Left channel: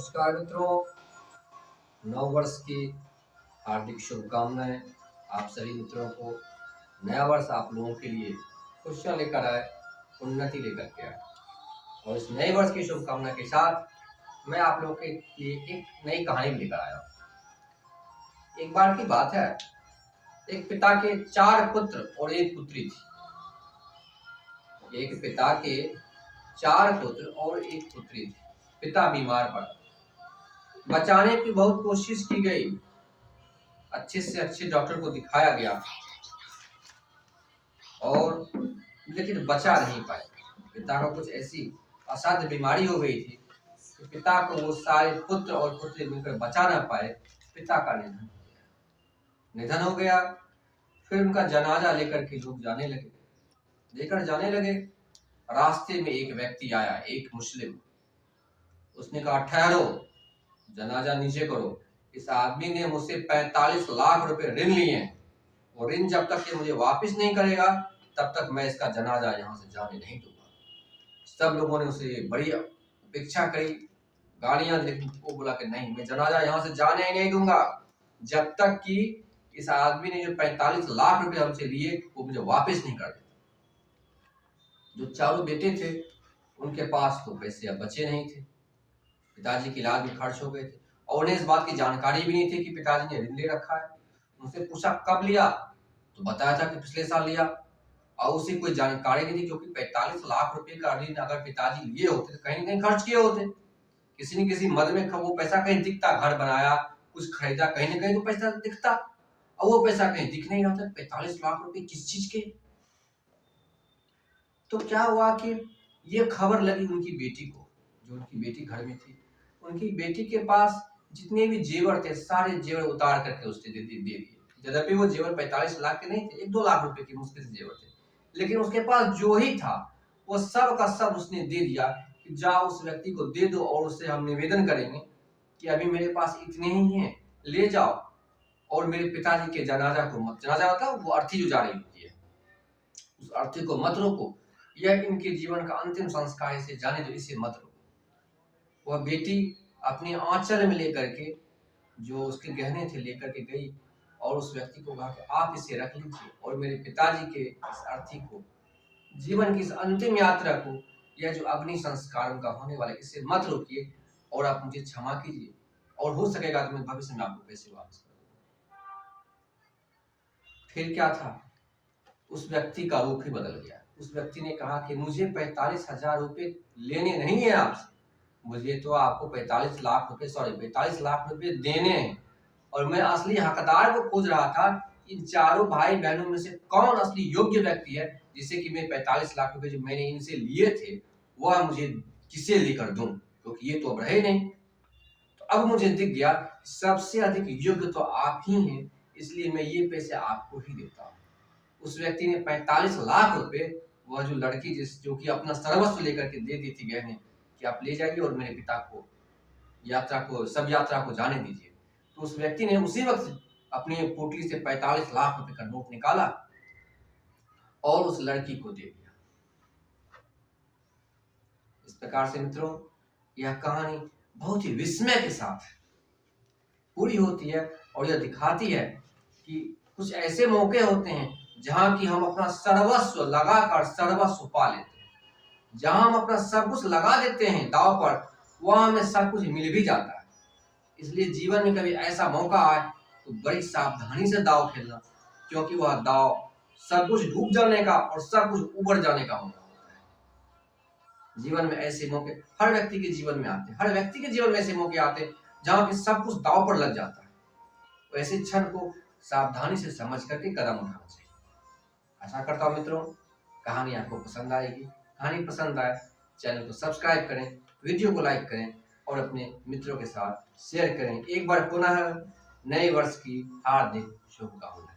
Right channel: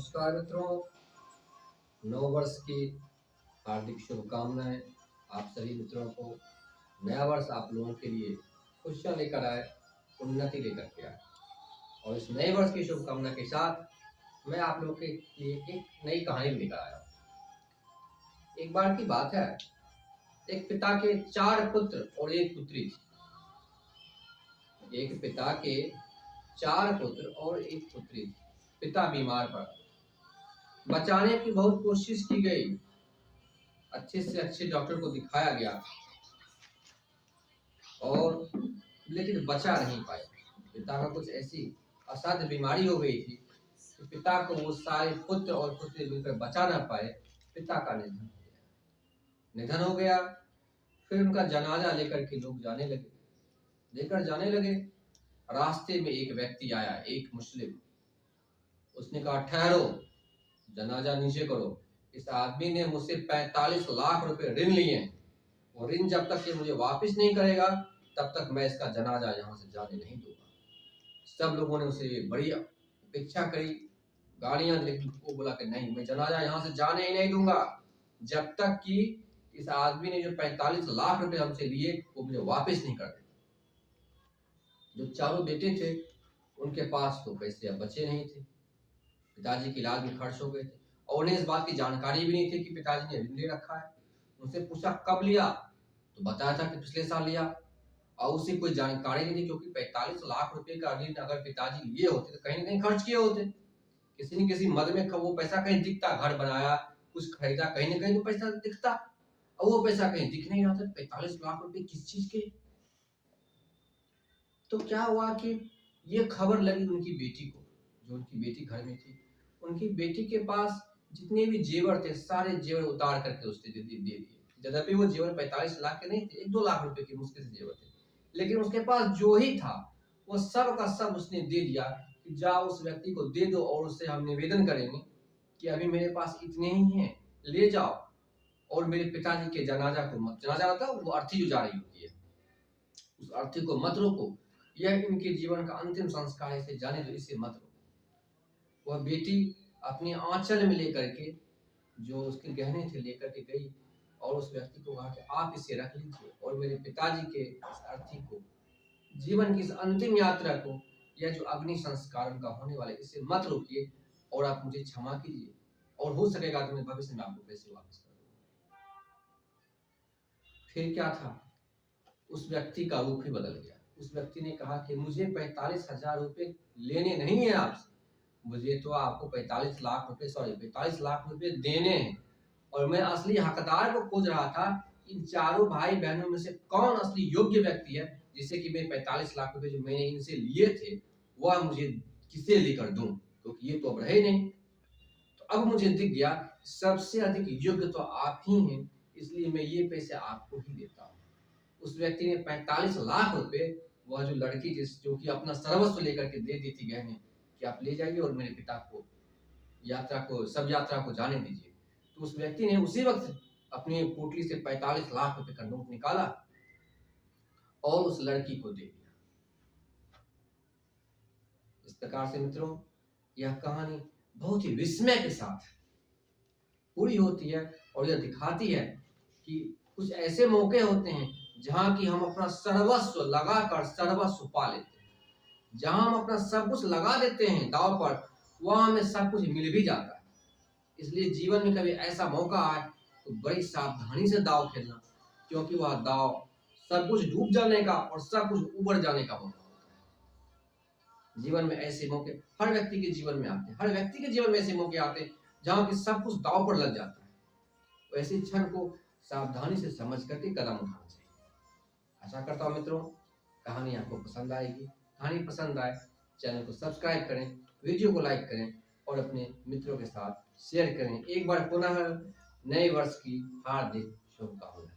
नमस्कार मित्रों, नव वर्ष की हार्दिक शुभकामनाएं आप सभी मित्रों को। नया वर्ष आप लोगों के लिए खुशियां लेकर आए, उन्नति लेकर के आए। और इस नए वर्ष की शुभकामना के साथ मैं आप लोगों के लिए एक नई कहानी लेकर आया हूं। एक बार की बात है, एक पिता के 4 पुत्र और एक पुत्री थी। एक पिता के 4 पुत्र और एक पुत्री थी। पिता बीमार पड़ा, बचाने की बहुत कोशिश की गई, अच्छे से अच्छे डॉक्टर को दिखाया गया और लेकिन बचा नहीं पाए। पिता को कुछ ऐसी असाध्य बीमारी हो गई थी कि पिता को वो सारे पुत्र और पुत्री मिलकर बचा ना पाए। पिता का निधन हो गया। फिर उनका जनाजा लेकर के लोग लेकर जाने लगे। रास्ते में एक व्यक्ति आया, एक मुस्लिम। उसने कहा, ठहरो, जनाजा नीचे करो। इस आदमी ने मुझसे 45 लाख रुपए ऋण लिए हैं। वो ऋण जब तक ये मुझे वापस नहीं करेगा तब तक मैं इसका जनाजा यहाँ से जाने नहीं दूंगा। सब लोगों ने उसे बड़ी अपेक्षा करी, गालियां, लेकिन वो बोला कि नहीं, मैं जनाजा यहाँ से जाने ही नहीं दूंगा जब तक कि इस आदमी ने जो 45 लाख रुपए हमसे लिए वो मुझे वापस नहीं कर देता। जो चारों बेटे थे उनके पास तो पैसे अब बचे नहीं थे। पिताजी के इलाज में खर्च हो गए थे और उन्हें इस बात की जानकारी भी नहीं थी कि पिताजी ने ऋण ले रखा है। उनसे पूछा कब लिया, तो बताया था कि पिछले साल लिया। और उसे कोई जानकारी नहीं थी, क्योंकि 45 लाख रुपए का ऋण अगर पिताजी लिए होते तो कहीं कहीं खर्च किए होते। किसी न किसी मद में वो पैसा कहीं दिखता, घर बनाया, कुछ खरीदा, कहीं न कहीं तो पैसा दिखता, और वो पैसा कहीं दिख नहीं रहा था। 45 लाख रुपए किस चीज के? तो क्या हुआ कि ये खबर लगी उनकी बेटी को, जो उनकी बेटी घर में थी। उनकी बेटी के पास जितने भी जेवर थे सारे जेवर उतार करके उसने दे दिए। यद्यपि वो जेवर 45 लाख के नहीं थे, 1-2 लाख रुपए के मुश्किल से जेवर थे, लेकिन उसके पास जो ही था वो सब का सब उसने दे दिया कि जाओ उस व्यक्ति को दे दो और उससे हम निवेदन करेंगे कि अभी मेरे पास इतने ही हैं, ले जाओ और मेरे पिताजी के जनाजा को मत, जनाजा का वो अर्थी जो जा रही होती है, उस अर्थी को मत रोको। यह इनके जीवन का अंतिम संस्कार, इसे जाने दो, इसे मत रोको। वह बेटी अपनी आंचल में लेकर के जो उसके गहने थे लेकर के गई और उस व्यक्ति को कहा कि आप इसे रख लीजिए और मेरे पिताजी के इस अर्थी को, जीवन की इस अंतिम यात्रा को, यह जो अग्नि संस्कार उनका होने वाला, इसे मत रोकिए और आप मुझे क्षमा कीजिए, और हो सकेगा तो मैं भविष्य में आपको पैसे वापस कर दूंगा। फिर क्या था, उस व्यक्ति का रूप ही बदल गया। उस व्यक्ति ने कहा कि मुझे 45,000 रुपए लेने नहीं है आपसे, मुझे तो आपको 45 लाख रुपए देने हैं। और मैं असली हकदार को खोज रहा था, इन चारों भाई बहनों में से कौन असली योग्य व्यक्ति है जिसे कि मैं 45 लाख रुपए जो मैंने इनसे लिए थे वह मुझे किसे लेकर दूं, क्योंकि ये तो अब रहे नहीं। तो अब मुझे दिख गया सबसे अधिक योग्य तो आप ही हैं, इसलिए मैं ये पैसे आपको ही देता हूँ। उस व्यक्ति ने 45 लाख रुपए, वह जो लड़की जो कि अपना सर्वस्व लेकर के दे दी थी गहने, कि आप ले जाइए और मेरे पिता को यात्रा को जाने दीजिए। तो उस व्यक्ति ने उसी वक्त अपनी पोटली से 45 लाख रुपए का नोट निकाला और उस लड़की को दे दिया। इस प्रकार से मित्रों, यह कहानी बहुत ही विस्मय के साथ पूरी होती है और यह दिखाती है कि कुछ ऐसे मौके होते हैं जहां की हम अपना सर्वस्व लगाकर सर्वस्व पा लेते हैं। जहां हम अपना सब कुछ लगा देते हैं दांव पर, वहां हमें सब कुछ मिल भी जाता है। इसलिए जीवन में कभी ऐसा मौका आए तो बड़ी सावधानी से दांव खेलना, क्योंकि वह दांव सब कुछ डूब जाने का और सब कुछ उबड़ जाने का मौका होता है। जीवन में ऐसे मौके हर व्यक्ति के जीवन में आते हैं, हर व्यक्ति के जीवन में ऐसे मौके आते हैं जहां कि सब कुछ दांव पर लग जाता है। तो ऐसे क्षण को सावधानी से समझ करके कदम उठाना चाहिए। आशा करता हूं मित्रों कहानी आपको पसंद आएगी। कहानी पसंद आए चैनल को सब्सक्राइब करें, वीडियो को लाइक करें और अपने मित्रों के साथ शेयर करें। एक बार पुनः नए वर्ष की हार्दिक शुभकामनाएं।